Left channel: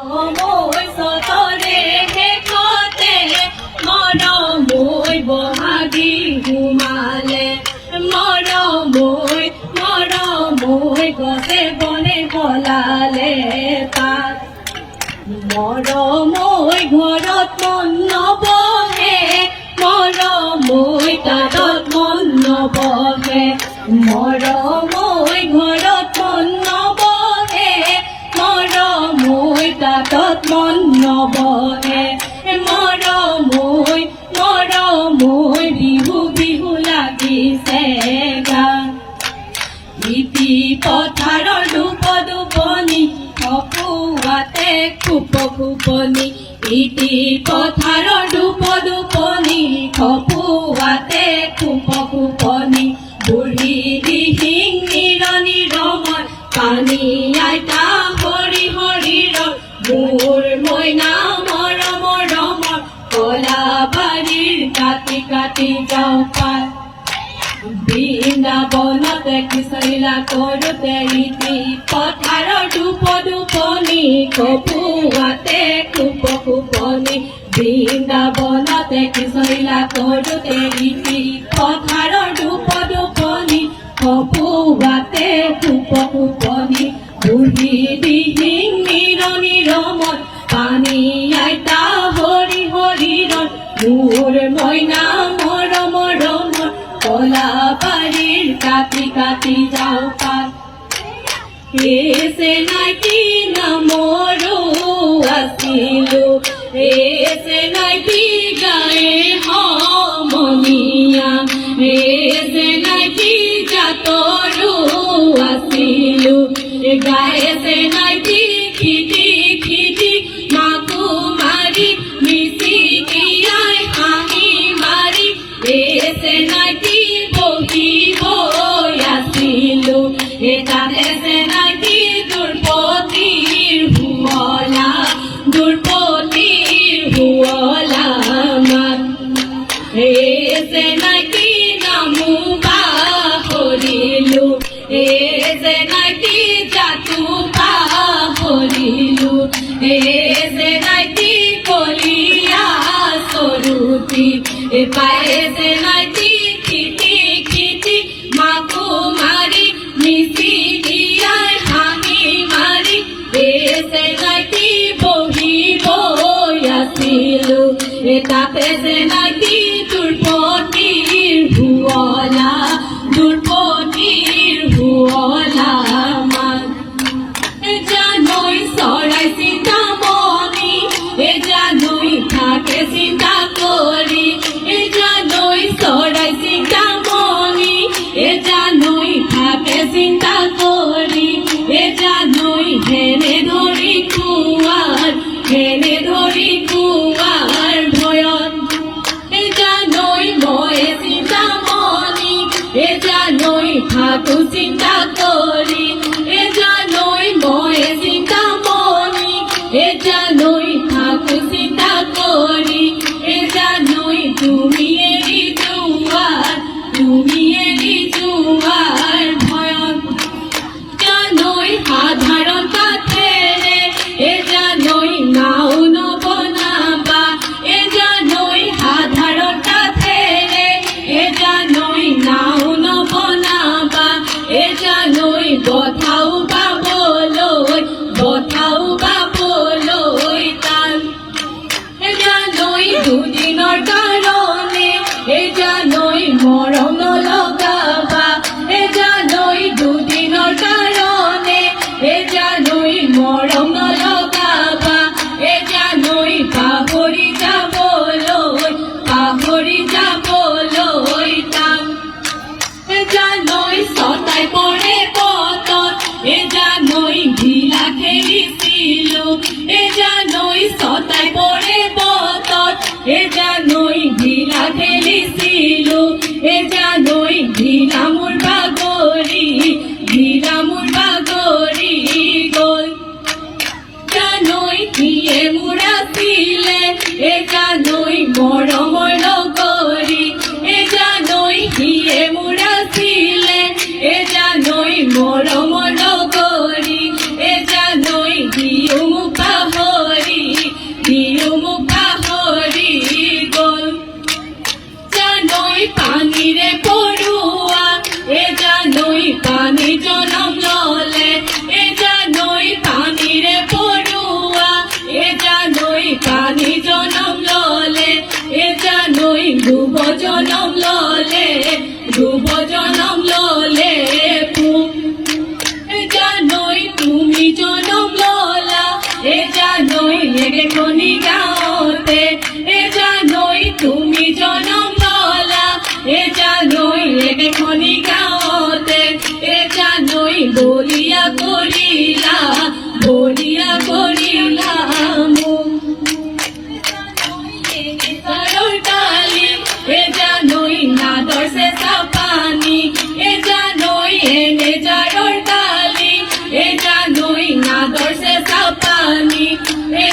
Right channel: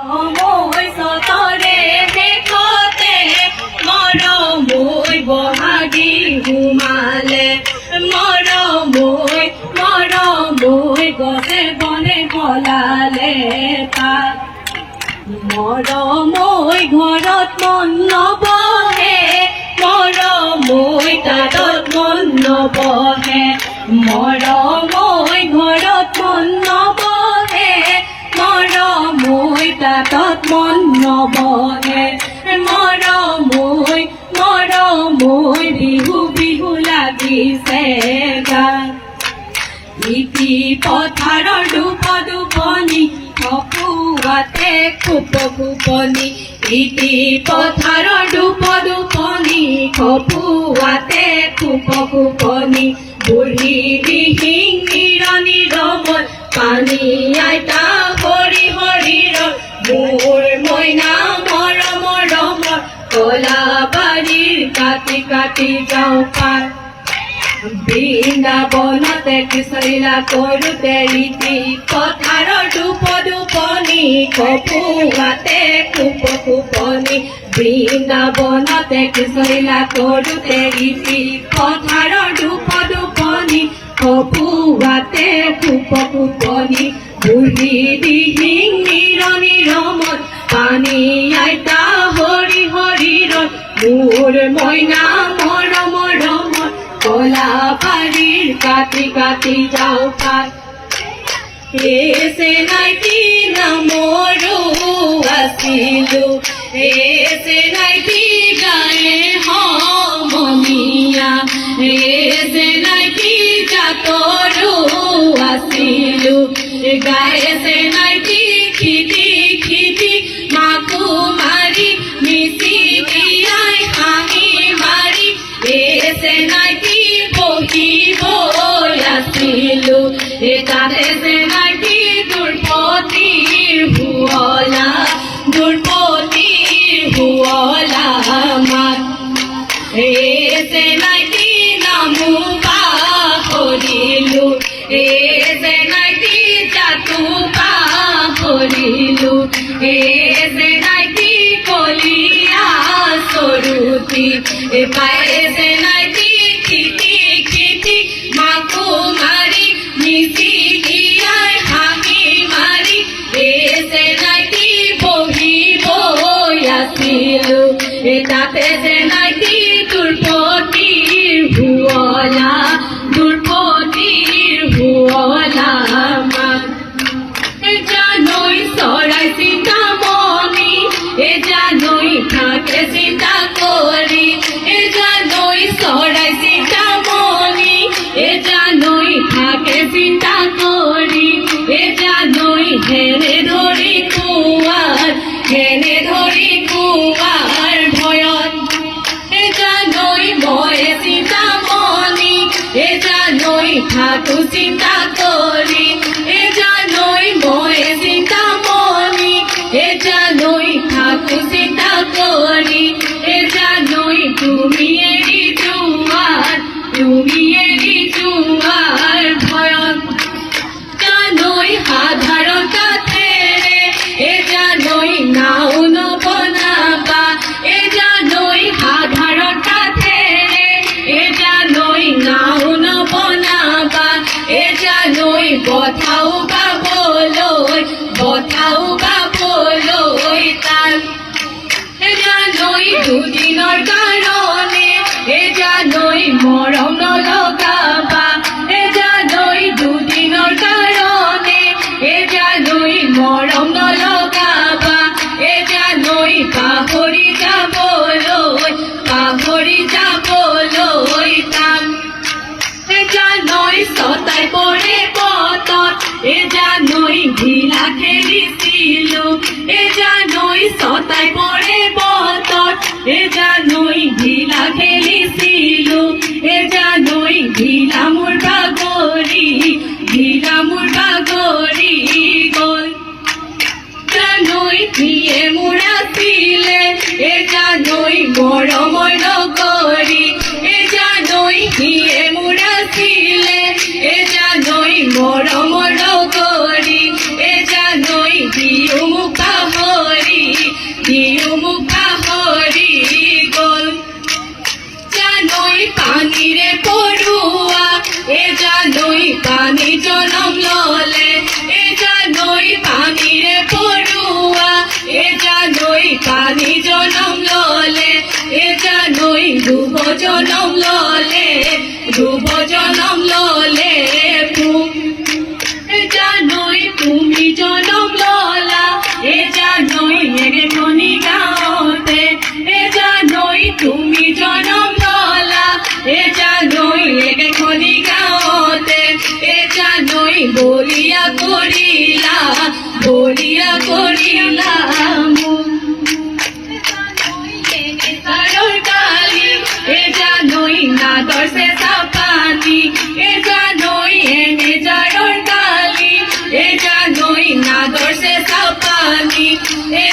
মই সতরে দেখাতে মরমই বহাগী ঘুমালে মরমই গছে বনে গলালে পাত মরমই ঘৰত মন নবহে মৰমই তাঁতত মন নবহে মৰমই ঘৰত মন নবহে মৰমই তাঁতত মন নবহে মৰমই বিহু বিহু লাগিছে গান ইতি পথাৰৰ দুপদুপনি খপুৱাতে খুপনি ইতি পথাৰৰ দুপদুপনি খপুৱাতে খুপনি বুঢ়ী দিহিং নিৰণি ৰঙত পানী আইতা হৰি হৰিৰ মোৰ মইনা মৰমৰ ৰঙৰ কলা বাৰীৰ কাটি কাটি যাওঁ পাত বৃন্দাবনতে কৃষ্ণলীলা কৰোঁতে ইতি পথাৰৰ দুপদুপনি খপুৱাতে খুপনি বৃন্দাবনতে কৃষ্ণলীলা কৰোঁতে ইতি পথাৰৰ দুপদুপনি খপুৱাতে খুপনি বুঢ়ী দিহিং নিৰণি ৰমত পানী আইতা হৰি হৰিৰ মোৰ মইনা মৰমৰ ৰমত কলা বাৰীৰ কাটি কাটি যাওঁ পাত এছে নাইটি নামৰো আছিলো এছে নাইটি গায়ে সমনীয়া এছে নাইটি জাতৰো আছিলো গায়েছে নাইটি খিটি খিটি মাকো মাৰি মিচি দিয়াই হাঁহি মাৰি এছে নাইটি বহিব আছিলো তাতে যে নাইটি দুৰ্পতিৰ হুৱলা মাত এছে নাইটি নামো পাহৰিলো এছে নাইটি জাতো পাহৰিলো এছে নাইটি কলিয়া চৰুতি পাইছে নাইটি খিটি খিটি মাকো মাৰি মিচি দিয়াই হাঁহি মাৰি এছে নাইটি বহিব আছিলো তাতে যে নাইটি দুৰ্পতিৰ হুৱলা মান জানৈ চৰাই চিন্তামণি জানৈ থাকে চিন্তা কৰি জানৈ চৰাই চিন্তামণি জানৈ থাকে চিন্তা কৰি জানৈ হেনে ধৰি কুৱাৰ ভয়ত জানৈ মই চিন্তামণি জানৈ থাকো চিন্তা কৰি জানৈ মই চিন্তামণি জানৈ থাকো চিন্তা কৰি জানৈ তুমি এৰি যোৱাৰ ভয়ত জানৈ সাধাৰণ কাঠেৰে জানৈ নাও নবনাবা জানৈ সাধাৰণ কাঠেৰে জানৈ নাও নবনাবা জানৈ বঠাও গাবলৈ টান জানৈ দুদিনৰ কাৰণে জানৈ মৰম নলগাবা জানৈ দুদিনৰ কাৰণে জানৈ মৰম নলগাবা জানৈ পাহৰি যাবলৈ টান জানৈ ছটাই পৰে পথত জানৈ ঘিলা খেলিছিলো জানৈ ছটাই পৰে পথত জানৈ ঘিলা খেলিছিলো জানৈ ঘিলা মোৰ বাগৰি গ'ল জানৈ কিয়ে মোৰ আছিলে জানৈ মৰমৰ লগৰী জানৈ কিয়ে মোৰ আছিলে জানৈ মৰমৰ লগৰী জানৈ দিও মোক পাব জানোই এরে খনি গাওতে এ জানোই তুমি জনম ললা এ জানোই এরে খনি গাওতে এ জানোই বলিয়া করিলা মন কারোর কালি এ জানোই না দর্শে সাপানি এ জানোই এনে জারোর কালি এ জানোই না দর্শে সাপানি এ